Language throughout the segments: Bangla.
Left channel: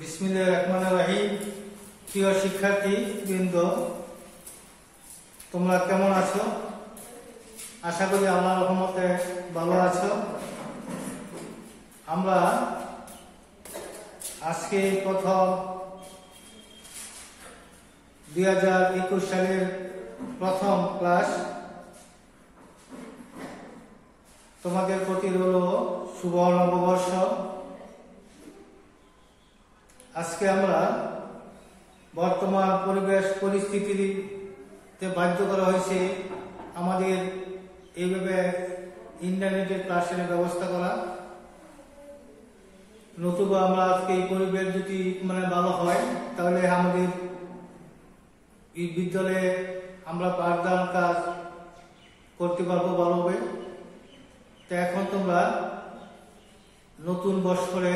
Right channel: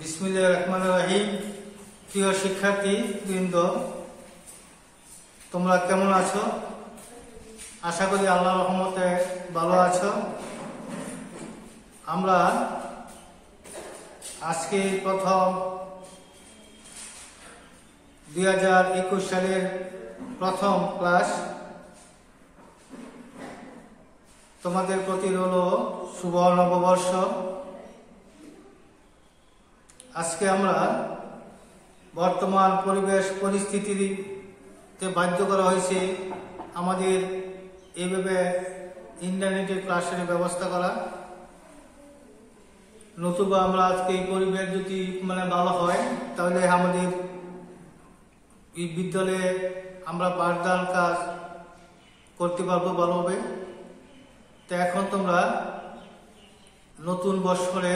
বিসমিল্লাহির রহমানির রহিম। প্রিয় শিক্ষার্থী বৃন্দ, তোমরা কেমন আছো? আশা করি আল্লাহর রহমতে ভালো আছো। আমরা আজকে প্রথম 2021 সালের প্রথম ক্লাস। তোমাদের প্রতি রইল শুভ নববর্ষ। আজকে আমরা বর্তমান পরিবেশ পরিস্থিতিতে বাধ্য করা হয়েছে আমাদের এইভাবে ইন্টারনেটের ক্লাসের ব্যবস্থা করা। নতুবা আমরা আজকে এই পরিবেশ যদি ভালো হয় তাহলে আমাদের এই বিদ্যালয়ে আমরা পাঠদান কাজ করতে পারবো ভালোভাবে। তো এখন তোমরা নতুন বৎসরে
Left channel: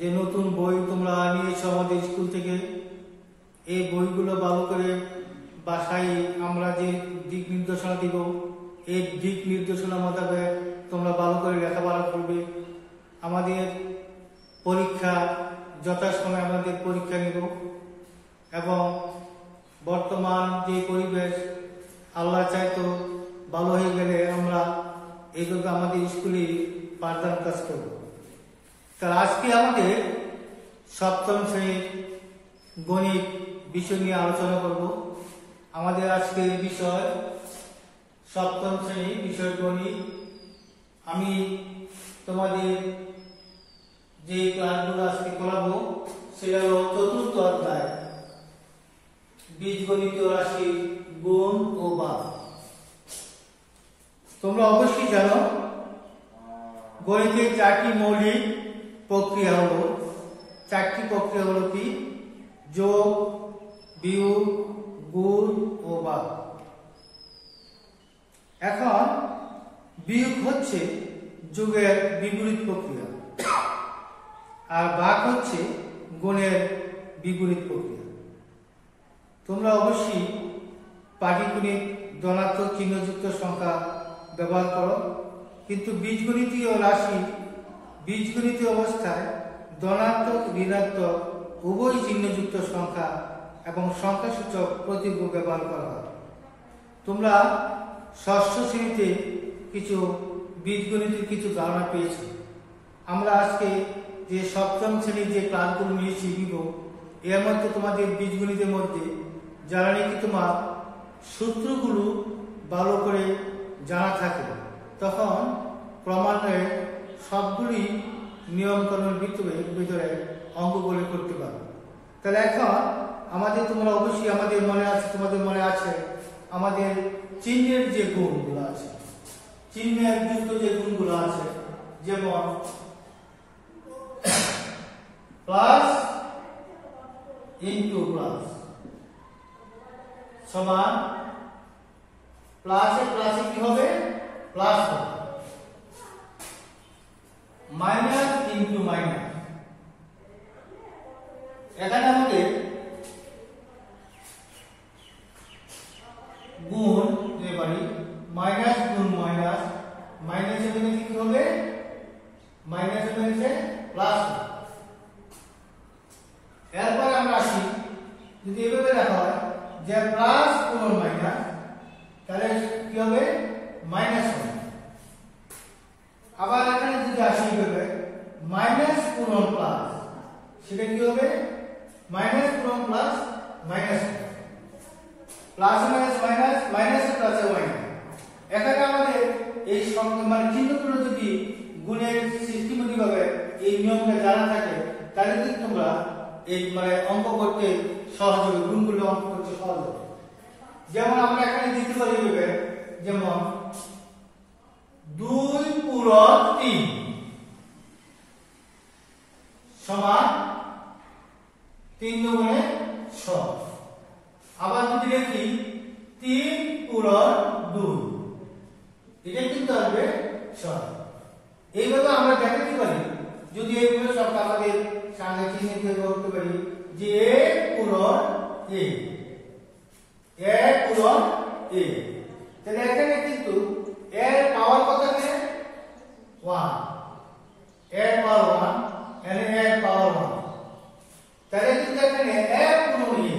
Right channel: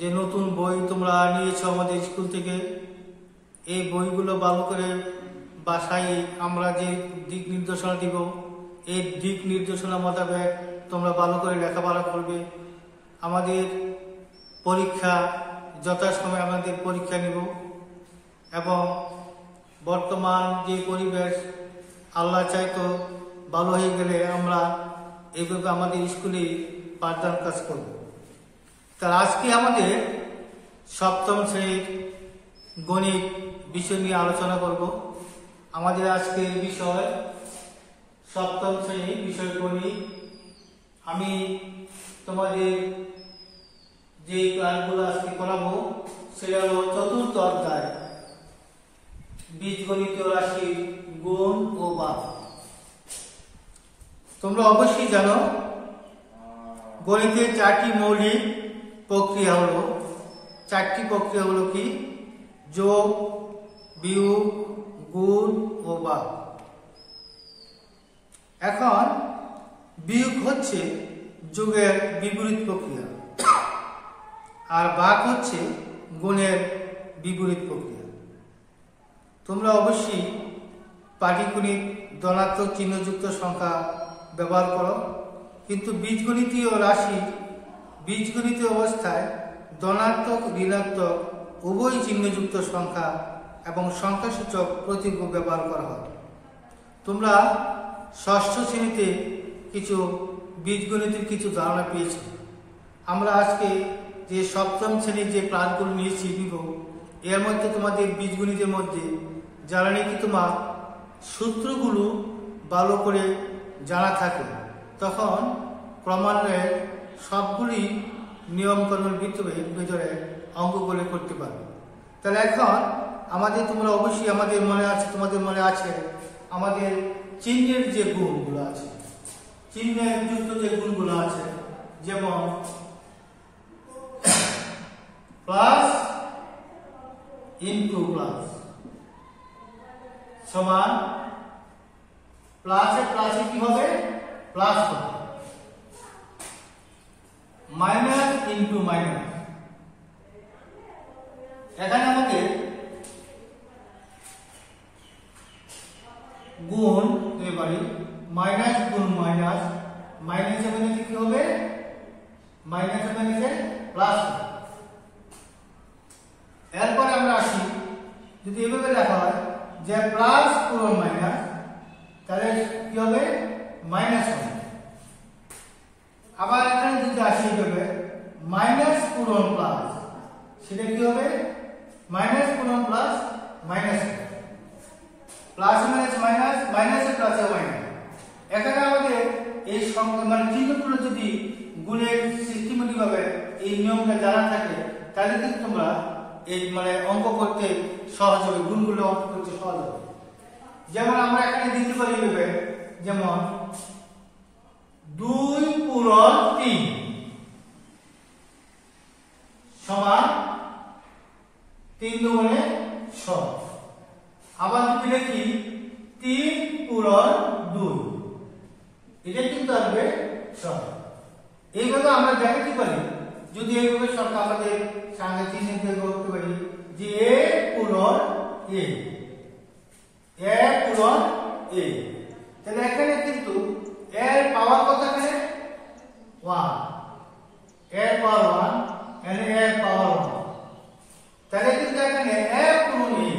যে নতুন বই তোমরা নিয়েছো আমাদের স্কুল থেকে, এই বইগুলো ভালো করে বাসায় আমরা যে দিক নির্দেশনা দিব, এই দিক নির্দেশনা মোতাবেক তোমরা ভালো করে লেখাপড়া করবে। আমাদের পরীক্ষা যথাসময়ে আমাদের পরীক্ষা নিব এবং বর্তমান যে পরিবেশ আল্লাহ চাইতো ভালো হয়ে গেলে আমরা এইভাবে আমাদের স্কুলে পাঠদান কাজ করব। তার আজকে আমাদের সপ্তম শ্রেণীর গণিত বিষয় নিয়ে আলোচনা করব। আমাদের আজকে বিষয় সপ্তম শ্রেণীর বিষয় গণিত। আমি তোমাদের যে ক্লাসগুলো আজকে করাবো সেটা হলো চতুর্থ অধ্যায়, বীজগণিতীয় রাশির গুণ ও ভাগ। তোমরা অবশ্যই জানো গণিতের চারটি মৌলিক প্রক্রিয়া হলো, কি? যোগ, বিয়োগ, গুণ ও ভাগ। এখন বিয়োগ হচ্ছে যোগের বিপরীত প্রক্রিয়া আর ভাগ হচ্ছে গুণের বিপরীত প্রক্রিয়া। তোমরা অবশ্যই পাটিগণিত ধনাত্মক চিহ্নযুক্ত সংখ্যা ব্যবহার করো, কিন্তু বীজগণিতীয় রাশির বীজগণিতীয় অবস্থায় ধনাত্মক ঋণাত্মক উভয় চিহ্নযুক্ত সংখ্যা এবং সংখ্যাসূচক প্রতীক ব্যবহার করা হয়। তোমরা ষষ্ঠ শ্রেণীতে কিছু বীজগণিতের কিছু ধারণা পেয়েছ। আমরা আজকে যে সপ্তম শ্রেণীর যে ক্লাসগুলো নিয়েছি এর মধ্যে তোমাদের বীজগণিতের মধ্যে যারা নাকি তোমার সূত্রগুলো ভালো করে জানা থাকে তখন ক্রমান্বয়ে সবগুলি নিয়মকানুন ভিতরে অঙ্কগুলো করতে পারবে। তাহলে এখন আমাদের তোমরা অবশ্যই তোমাদের মনে আছে আমাদের চিহ্নের যে গুণগুলো আছে, চিহ্নের যুক্ত যে গুণগুলো আছে, যেমন প্লাস ইনটু প্লাস সমান প্লাসে কি হবে? প্লাস হবে। মাইনাস ইনটু মাইনাস, এখানে আমাদের গুণ দিতে পারি। মাইনাস গুণ মাইনাস, মাইনাসে মাইনাসে কি হবে? মাইনাসে মাইনাসে প্লাস হবে। এরপরে আমরা আসি, যদি এভাবে লেখা হয় যে প্লাস পূরণ মাইনাস, তাহলে কি হবে? মাইনাস হবে। আবার এখানে যদি আসি এভাবে মাইনাস পূরণ প্লাস, সেটা কি হবে? মাইনাস পূরণ plus minus, plus minus minus, minus প্লাসে মাইনাস। এখানে আমাদের এই চিহ্নগুলো যদি গুণের সিস্টেমেটিক ভাবে এই নিয়মটা জানা থাকে তাহলে কিন্তু তোমরা এই অঙ্ক করতে সহজ হবে, গুণগুলো অঙ্ক করতে সহজ হবে। যেমন আমরা এখানে দিতে পারি এভাবে, যেমন 2 পূরণ 3 সমান 3 দুগুণে 6। আবার যদি দেখি 3 পূরণ 2, এটা কিন্তু আসবে 6। এইভাবে আমরা দেখাতে পারি, যদি এইভাবে সংখ্যা আমাদের সামনে চিহ্ন দিয়ে করতে পারি যে a পূরণ a, a পূরণ a, তাহলে এখানে কিন্তু এর পাওয়ার কত? এখানে 1, এর পাওয়ার 1, এর পাওয়ার 1। তাহলে কিন্তু এখানে a পূরণ a,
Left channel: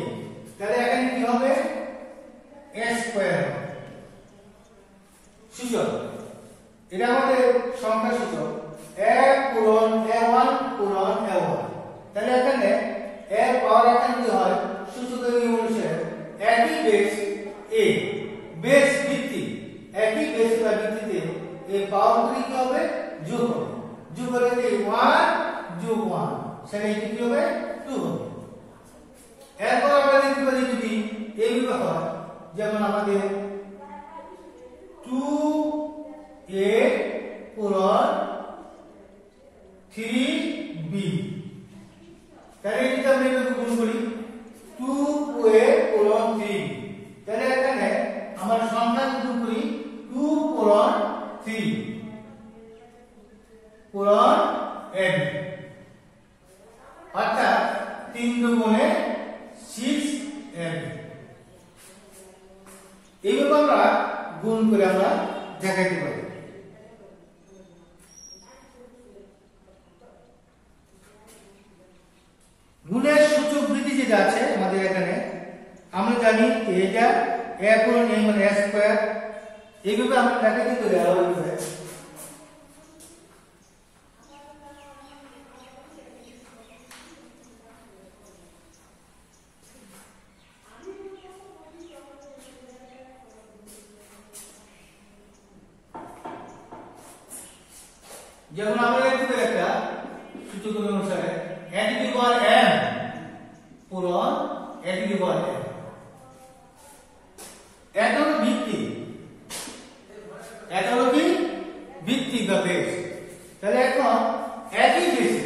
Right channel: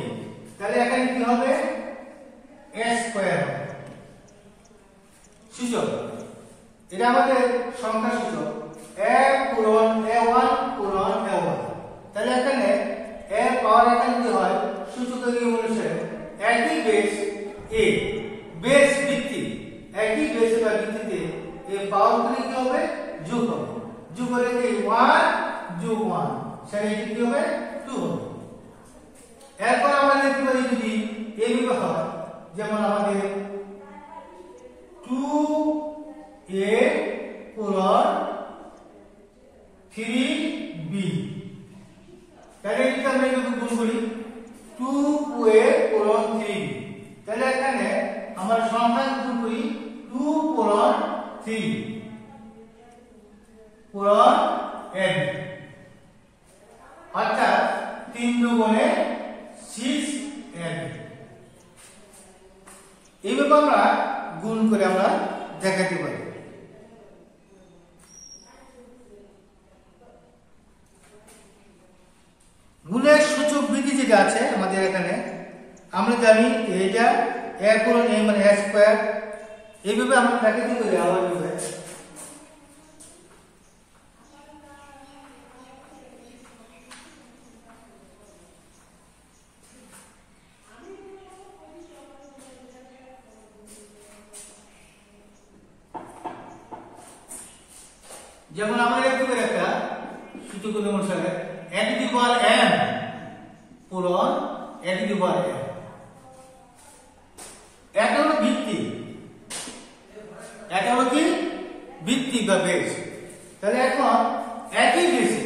তাহলে এখানে কি হবে a স্কয়ার সূচক, এটা আমাদের সংখ্যা সূচক a পূরণ a1 পূরণ a1, তাহলে এখানে a পাওয়ার এখানে কি হয় সূচকের নিয়ম অনুসারে একই বেস a, বেস ভিত্তি একই বেস বা ভিত্তিতে এই পাওয়ারগুলি কি হবে যোগ হবে, যোগ হলে কি 1 যোগ 1 সেটা কি হবে 2 হবে। এরপর আমরা লিখতে পারি যদি এইভাবে হয়, যেমন আমাদের 2a পূরণ 3b, তাহলে এটা আমরা একটু গুণ করি 2a পূরণ 3b, তাহলে এখানে আমরা সংখ্যা গুণ করি 2 পূরণ 3 পূরণ n, অর্থাৎ 3 দুগুণে 6n। এইভাবে আমরা গুণ করে আমরা দেখাতে পারি। গুণের সূচক বৃদ্ধি যেটা আছে আমাদের এখানে আমরা জানি এটা a পূরণ a মানে a স্কয়ার, এইভাবে আমরা দেখাতে পারি আলাদাভাবে। যেমন আমরা লিখতে পারি একটা সূচক অনুসারে a two the power m পূরণ a two the power m, এটা হলো ভিত্তি, এটা হলো কি ভিত্তি বা বেস। তাহলে এখন একই বেসে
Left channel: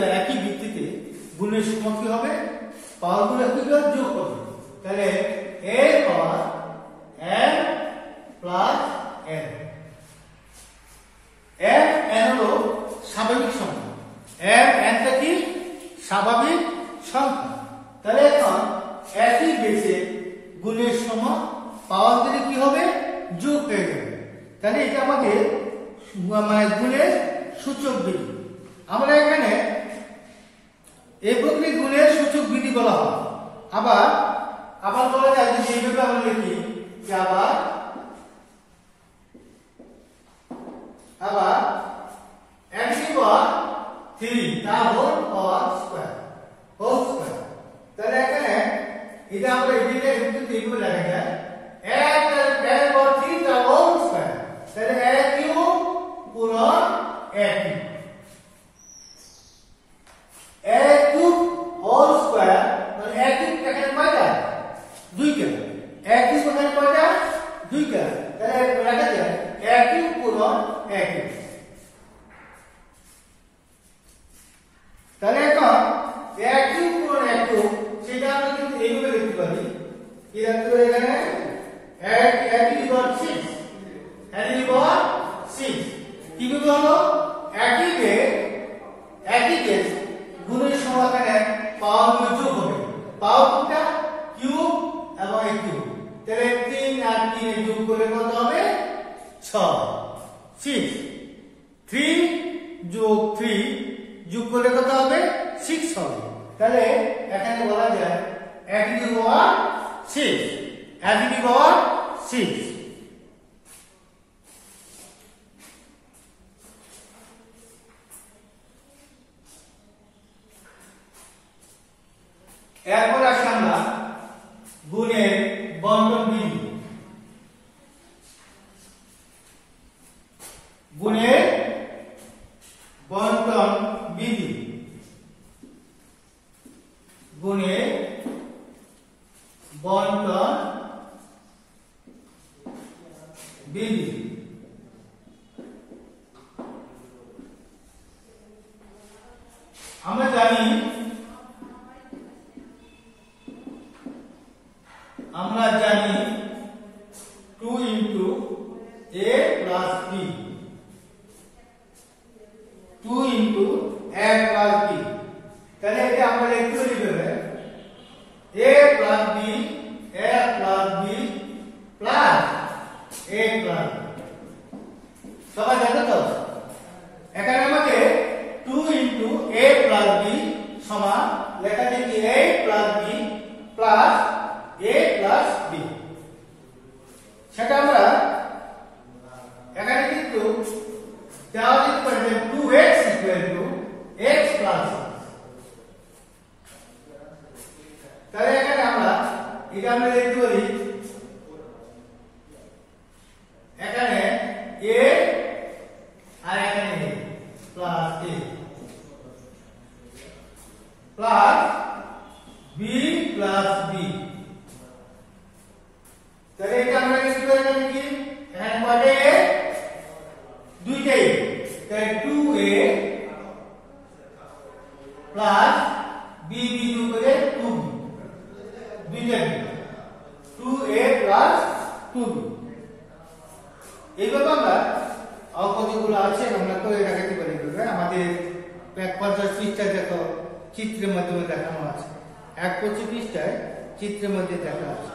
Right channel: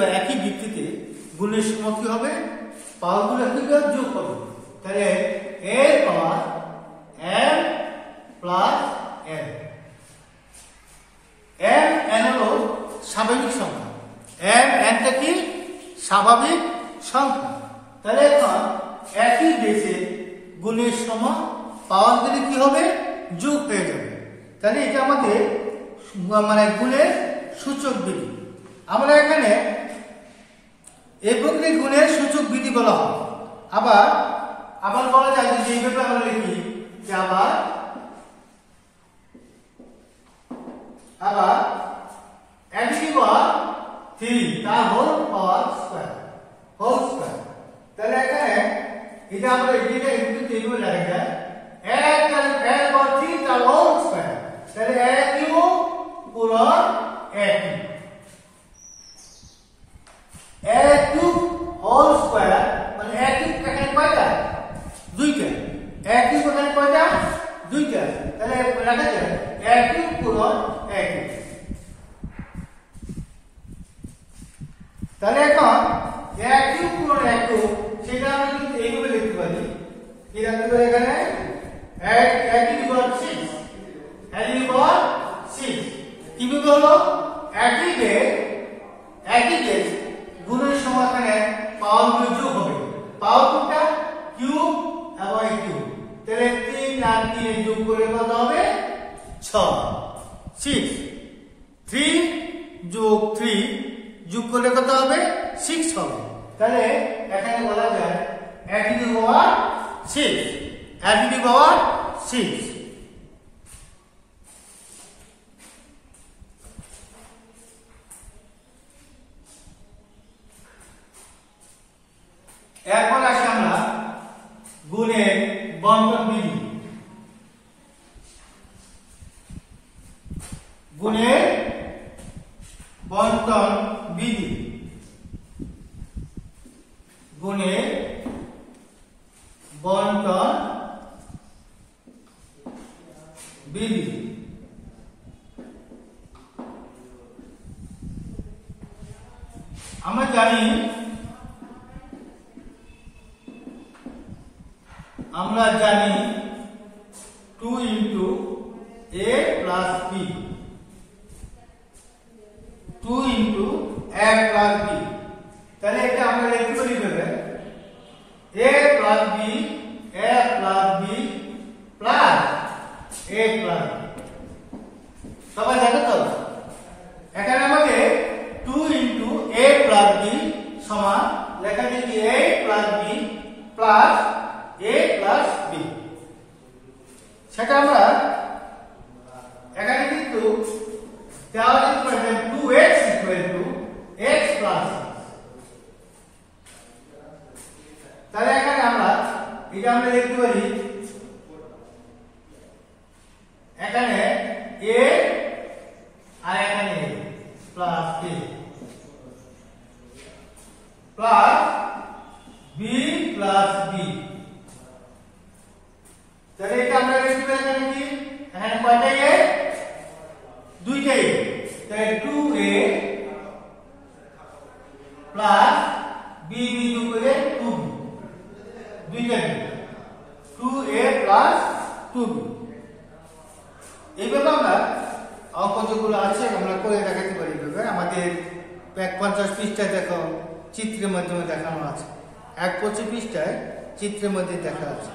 বা একই ভিত্তিতে গুণের সময় কি হবে পাওয়ারগুলো কি যোগ হবে, তাহলে a power m plus n, n হলো স্বাভাবিক সংখ্যা, nটা কি স্বাভাবিক সংখ্যা, তাহলে এখন একই বেসে গুণের সময় পাওয়ারগুলি কি হবে যোগ হয়ে যাবে, তাহলে এটা আমাদের মানে গুণের সূচক বিধি। আমরা এখানে এককে গুণের সূচক বিধি বলা হয়। আবার বলা যায় যে এইভাবে আমরা লিখি যে আবার a টু দি পাওয়ার 3 তার হোল পাওয়ার স্কয়ার, তাহলে এখানে এটা আমরা এটা একটু এইভাবে লেখা যায় a পাওয়ার 3 তার হোল স্কয়ার, তাহলে a কিউ পূরণ a কিউ হোল স্কয়ার, মানে a কিউ এখানে কয়টা দুইটা, a কিউ এখানে কয়টা দুইটা, তাহলে লেখা যায় a কিউ পূরণ a কিউ। তাহলে এখন a কিউ পূরণ a কিউ সেটা আমরা কিন্তু এইভাবে লিখতে পারি, কি লিখতে পারি এখানে a টু দি পাওয়ার 6 কিভাবে হলো একই বেস গুণের সময় এখানে পাওয়ারগুলো যোগ হবে, পাওয়ারটা কিউব এবং কিউব, তাহলে 3 আর 3 যোগ করে কত হবে 6, 3 যোগ 3 যোগ করলে কত হবে 6 হবে, তাহলে এখানে বলা যায় a টু দি পাওয়ার 6। এরপর আসি আমরা গুণের বন্টন বিধি। গুণের বন্টন বিধি, গুণের বন্টন বিধি। আমরা জানি 2 into a plus b, 2 into a plus b, তাহলে এটা আমরা লিখতে পারি ভাবে a plus b plus a plus b, সবাই জানো তো এখানে আমাদের 2 into a plus b সমান লেখা দেখি a plus b plus a plus b। সেটা আমরা এখানে কিন্তু দেওয়া যেতে পারে 2x equal to x plus. তাহলে এখানে আমরা এটা আমরা লিখতে পারি এখানে a আর এখানে a plus a plus b plus b। তাহলে এটা আমরা লিখতে পারি এখানে কি এখানে কয়টা a দুইটাই তাহলে 2a প্লাস b যোগ করে 2b দুইটা 2a প্লাস 2b। এইভাবে আমরা অঙ্ক যেগুলো আছে আমরা করে দেখাতে পারি। আমাদের 50 পৃষ্ঠায় দেখো চিত্রের মাধ্যমে দেখানো আছে, 125 পৃষ্ঠায় চিত্রের মধ্যে দেখা আছে।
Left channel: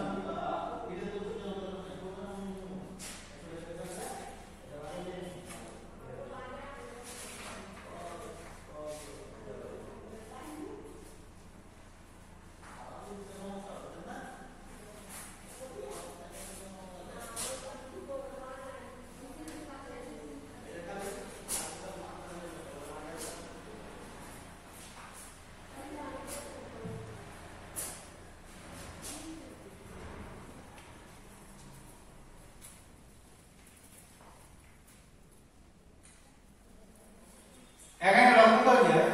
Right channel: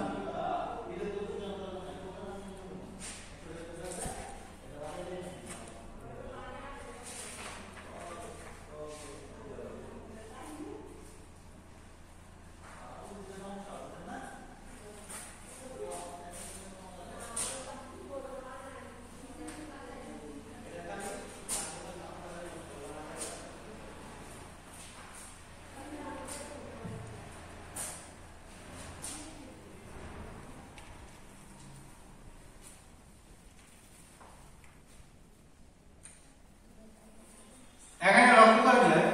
এখানে লক্ষ্য করা যায়,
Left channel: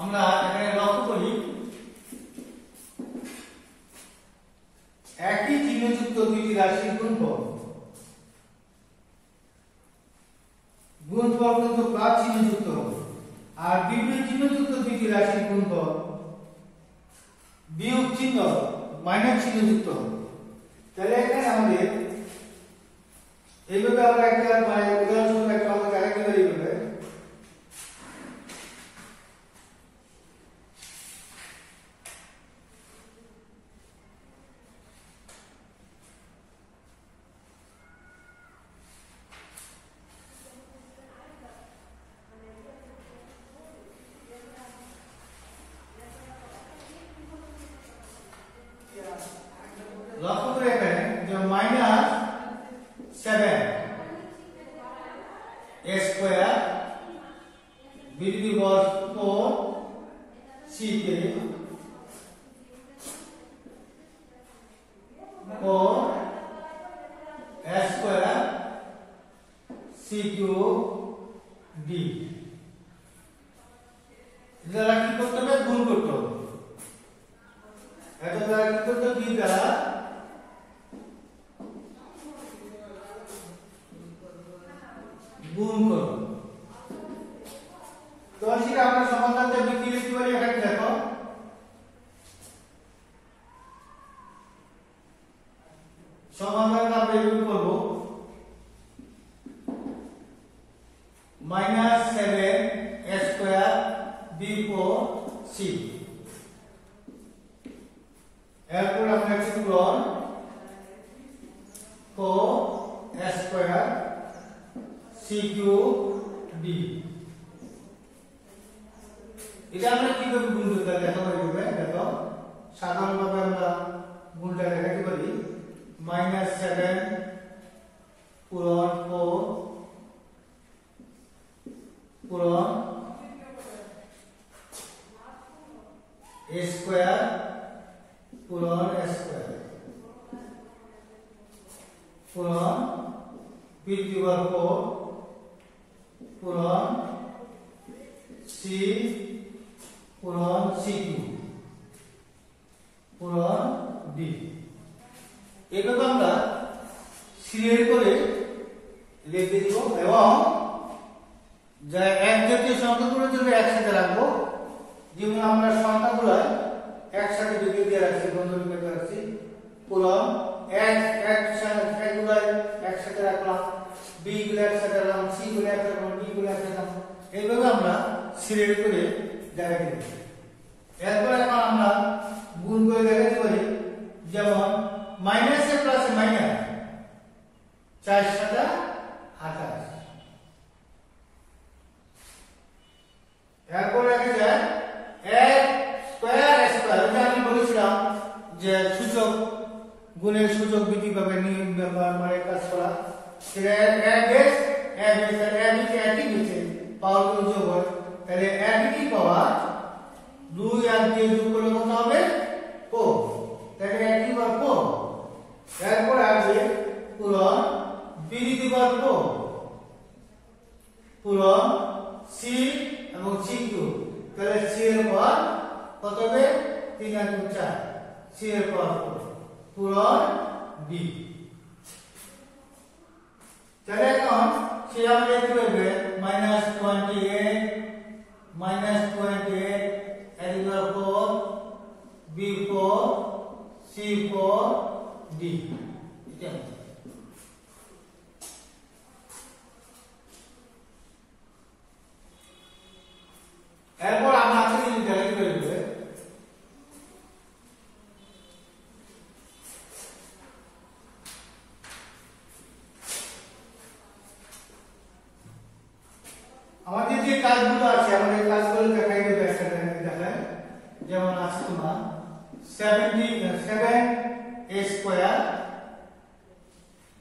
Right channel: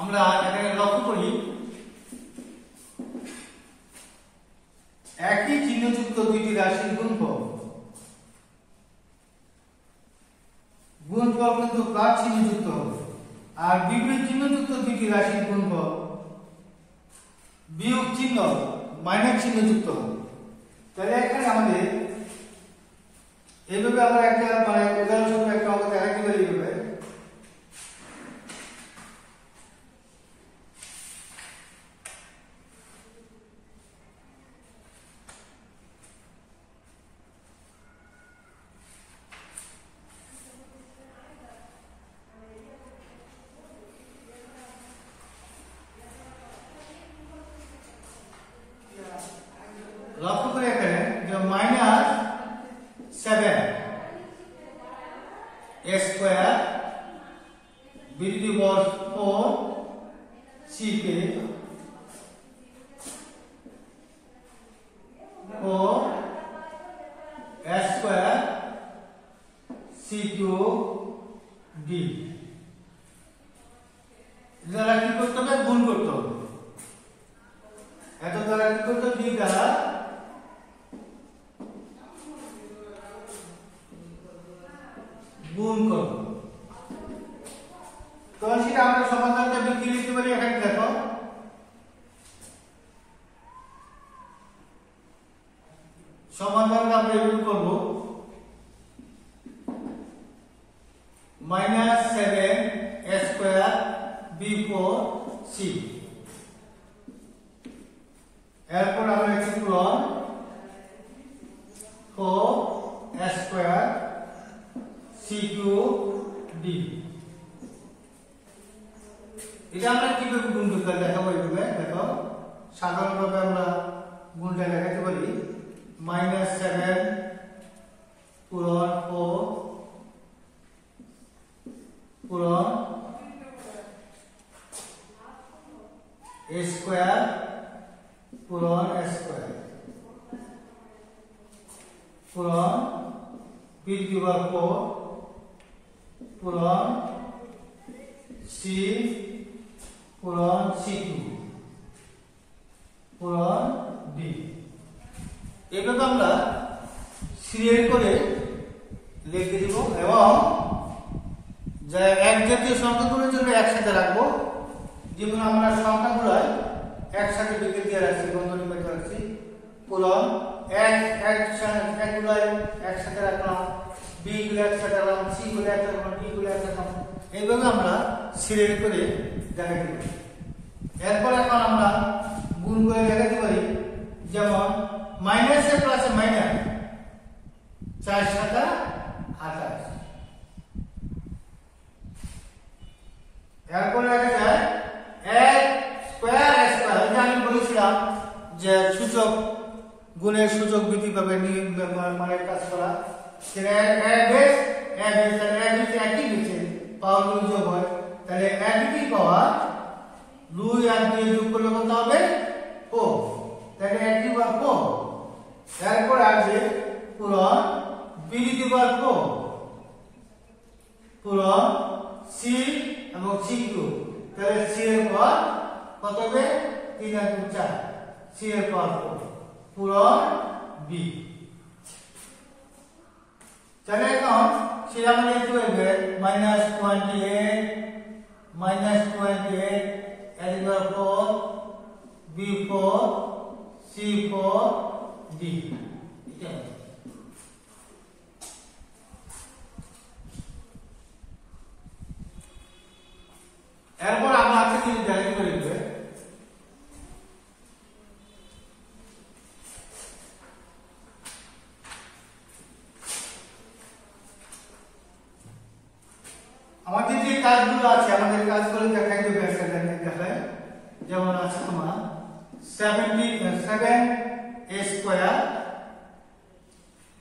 আমরা এখানে লক্ষ্য করি একই চিহ্নযুক্ত দুইটি রাশির গুণফল কিন্তু প্লাস চিহ্নযুক্ত হবে, আর বিপরীত চিহ্নযুক্ত দুইটি রাশির গুণফল বিয়োগ চিহ্ন মাইনাস চিহ্নযুক্ত হবে। তাহলে এখানে আমাদের এইভাবে আমরা একটা উদাহরণস্বরূপ একটা অঙ্ক দেখাতে পারি। এইভাবে লক্ষ্য করে এখানে যে minus 7 a square b two the power 4 c K 4 a square c cube d। এটা কি করতে হবে? গুণ করতে হবে। এত দ্বারা কি করতে হবে? 2 দ্বারা গুণ করব। তখন সেটা আমরা সমাধানটা কি লিখতে পারি? এখানে দেখো সমাধানটা আমরা এইভাবে করব -7 a স্কয়ার b4 c। এরপর আমরা একটু পূরণ 4 a square c cube d। এটা আমরা কিভাবে গুণ করতে হয় দেখাবো। এইভাবে দেখো সাধারণভাবে আমরা গুণটা দেখাতে পারি -7 পূরণ 4 পূরণ a স্কয়ার পূরণ a স্কয়ার পূরণ b টু দি পাওয়ার 4 পূরণ c পূরণ c কিউব পূরণ d। এইভাবে আমরা সিরিয়াল করে লিখে দিব এবং যা এক জাতীয় সংখ্যাগুলোর জন্য একসাথে রাখবো। যেমন আমরা সংখ্যাগুলো একসাথে লিখে দিয়ে রাখছি, বন্ধনী করে রাখছি। পূরণ একগুলো একসাথে রাখলাম, বি গুলো একসাথে রাখলাম, সি গুলো একসাথে রাখলাম, ডি গুলো একসাথে রাখলাম। এইভাবে আমরা সিরিয়াল করে দেখাতে পারি। এরপরে এখন আমরা গুণ করে দেখাতে পারি। যেমন মাইনাসে প্লাসে মাইনাস 4 7 28। এরপরে দেখা যায় গুণের সূচক বৃদ্ধি পাবে মানে কাজ করা সেটা একই বেছে পাওয়ার গুলো যোগ হয় তাহলে একই পাওয়ার 2 আর 2 যোগ করলে কত হবে 4 তাহলে একই বার 4 এরপর আসবে পূরণ b টু দি পাওয়ার 4 পূরণ c এবং c কিউব তাহলে c এর পাওয়ার কত হবে 3 আর 2 4 c এর পাওয়ার 4 পূরণ b তাহলে এখন সে আমাদের একটু হবে -28 এর পাওয়ার 4 b4 c4 d এটা এরপর আমরা আজকে যদি ডাইরেক্ট করে দেব আমাদের যে কাজগুলো আছে আমাদের কাজগুলো দেখাই দেবে একটা দেখাই যেমন আছে তোমার 7a square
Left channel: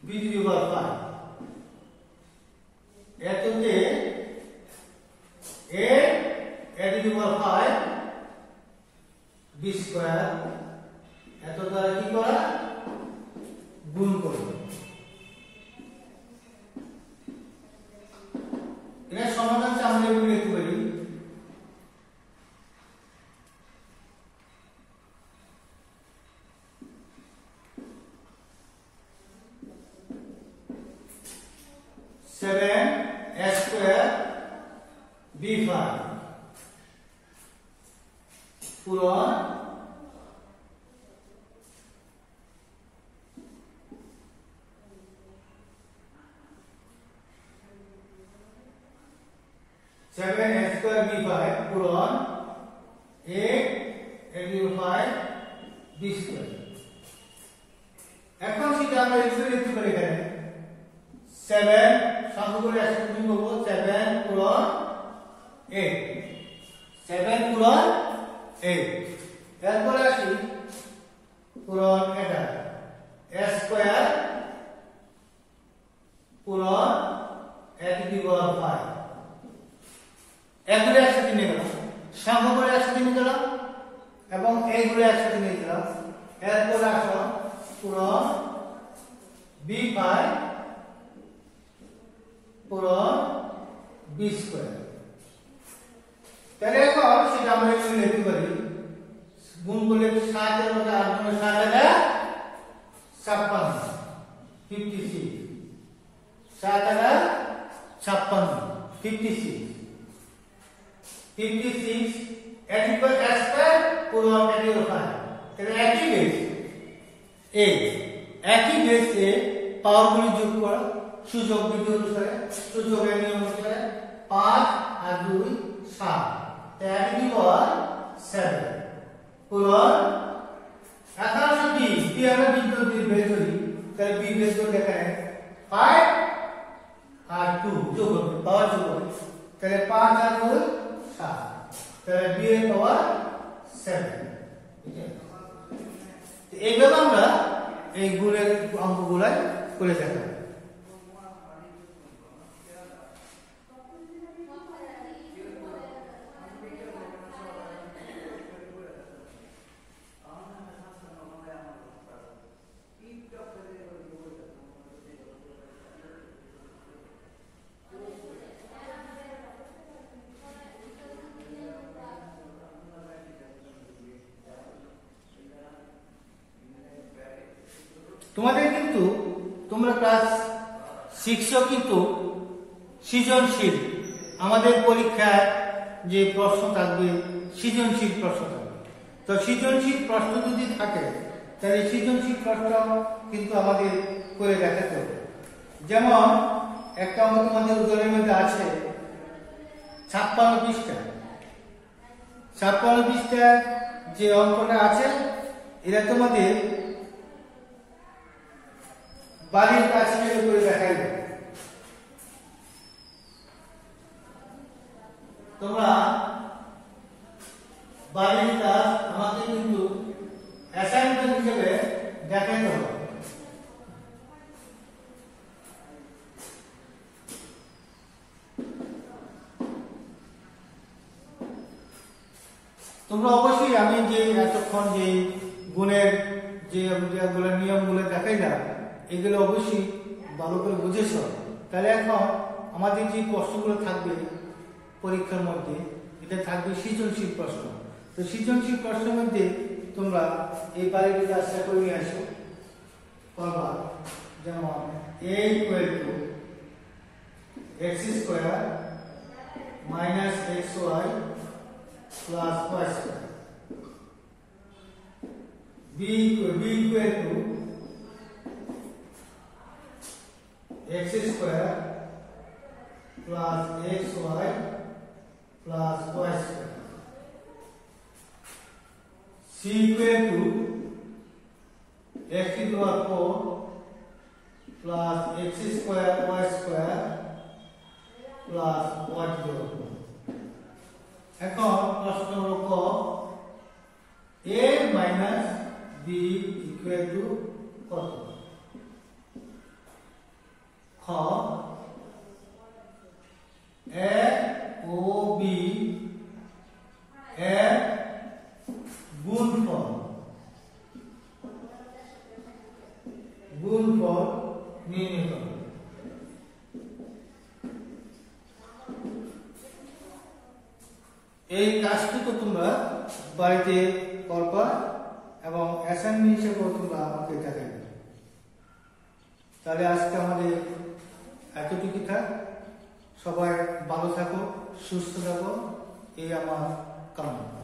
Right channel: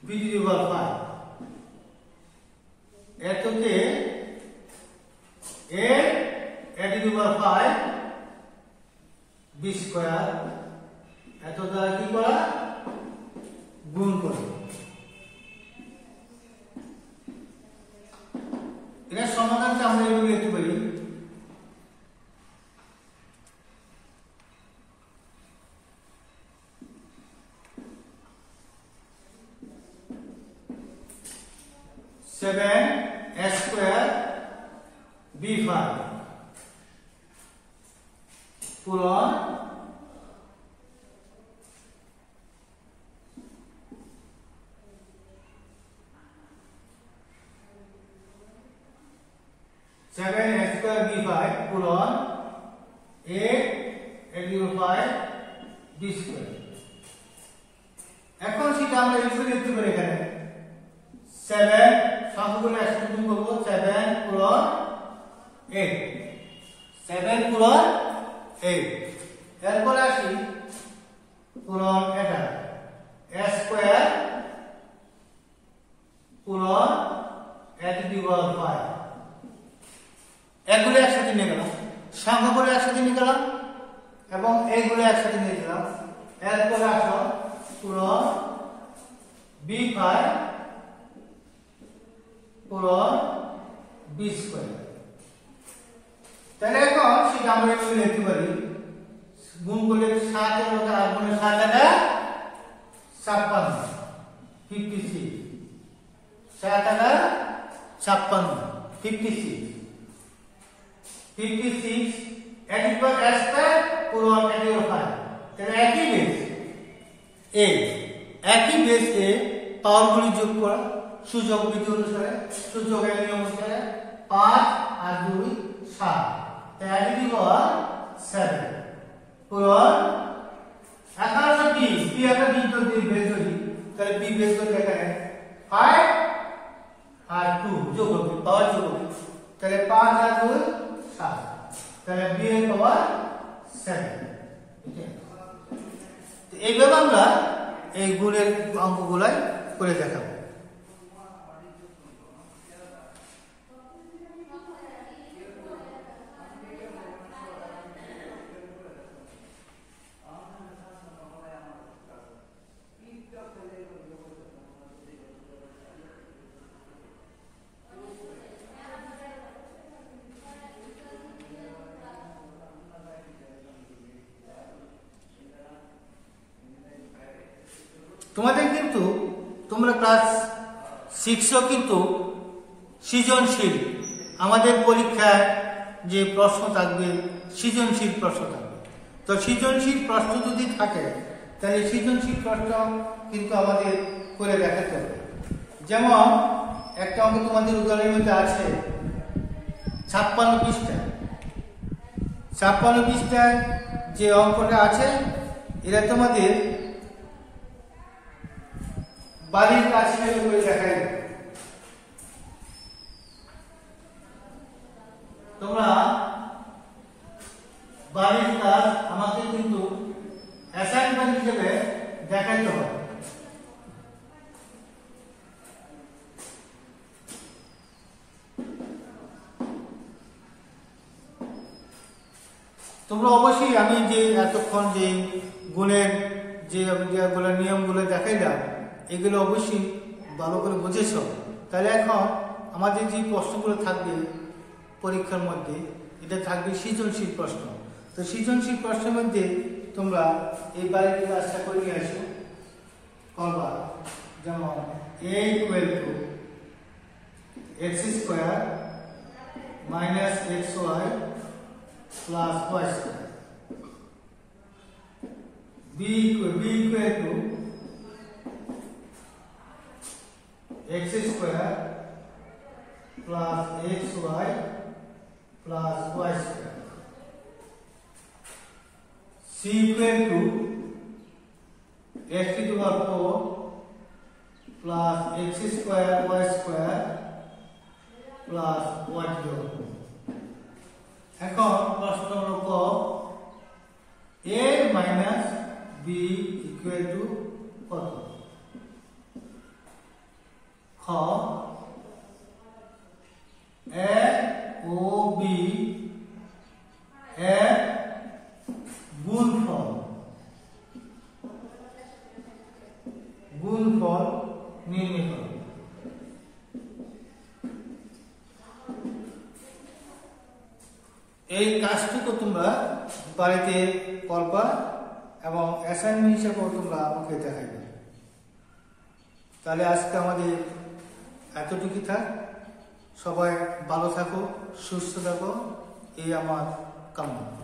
b two the power 5 এততে a to the power 5 b square এত দ্বারা কি করা গুণ করা এর সমাধানটা আমরা এভাবে লিখতে পারি a স্কয়ার b5 পূরণ b5 পূরণ a into 5 b স্কয়ার এখন সেটা আমরা লিখতে পারি এখানে 7 সংখ্যাগুলো একসাথে গুণ করব 7 পূরণ 8 7 পূরণ 8 এরপর আসি পূরণ এটা a স্কয়ার পূরণ a টু দি পাওয়ার 5 এগুলো একসাথে নিয়ে গেলাম সংখ্যাগুলো একসাথে নিয়ে গেলাম এবং এইগুলো একসাথে নিয়ে গেলাম এরপর আসো পূরণ b5 পূরণ b স্কয়ার তাহলে এখন সেটা আমরা এখানে লিখতে পারি গুণ করলে 7 এর মধ্যে 8 গুণে 7 এটা 56 56 7 এটা 56 56 56 এটিকল স্কয়ার পূরণ এটিকল 5 তাহলে একই বেস এ পাওয়ারগুলি যোগ করা সূচক বিধি অনুসারে সূচকের নিয়ম অনুসারে 5 আর 2 7 তাই এটি পাওয়ার 7 পূরণ এখন আমরা b আমরা বিন্দু দিয়ে বের করি তাহলে b বের করে দেখায় 5 আর 2 যোগ হবে পাওয়ার যোগ হবে তাহলে 5 আর 2 7 তাহলে b এর পাওয়ার 7 এইভাবে আমরা এই গুণের অঙ্কগুলো করে দেখাবো তোমাদের কিন্তু তোমরা ক্লাস 6 কিন্তু সৃজনশীল আমাদের পরীক্ষায় যে প্রশ্ন থাকবে সৃজনশীল প্রশ্ন থাকবে তো সৃজনশীল প্রশ্ন যদি থাকে তাহলে সৃজনশীল প্রশ্ন কিন্তু আমাদের করে দেখাতে হবে যেমন একটা অঙ্ক তোমাদের উদাহরণের মধ্যে আছে 56 পৃষ্ঠায় যে অঙ্কটা আছে এটা তোমাদের বাড়ির কাজ করে দেখাই তোমরা বাড়ির কাজ আমাকে কিন্তু অ্যাসাইনমেন্ট হিসেবে দেখাইতে হবে তোমরা অবশ্যই আমি যে এতক্ষণ যে গুণের যেগুলো নিয়মগুলো দেখাইলাম এগুলো অবশ্যই ভালো করে বুঝেছ। তাহলে এখন আমাদের যে প্রশ্নগুলো থাকবে পরীক্ষার মধ্যে এটা থাকবে সৃজনশীল প্রশ্ন। তো সৃজনশীল প্রশ্নের মধ্যে তোমরা এই বাইরে কাজটা করে নিয়ে আসো করবা। যেমন a equal to x square minus xy plus y square, b equal to x square plus xy plus y square, c equal to x to the power 4 plus x square y square plus y to the power 4। এখন প্রশ্ন নম্বর ক, a minus b equal to কত? খ, a ও b এর গুণফল নির্ণয় করো। এই কাজটুকু তোমরা বাড়িতে করবা এবং অ্যাসাইনমেন্ট হিসেবেও তোমরা আমাকে দেখাইবে। তাহলে আজকে আমাদের এতটুকু থাক। সবাই ভালো থাকো, সুস্থ থাকো, এই আমার কামনা।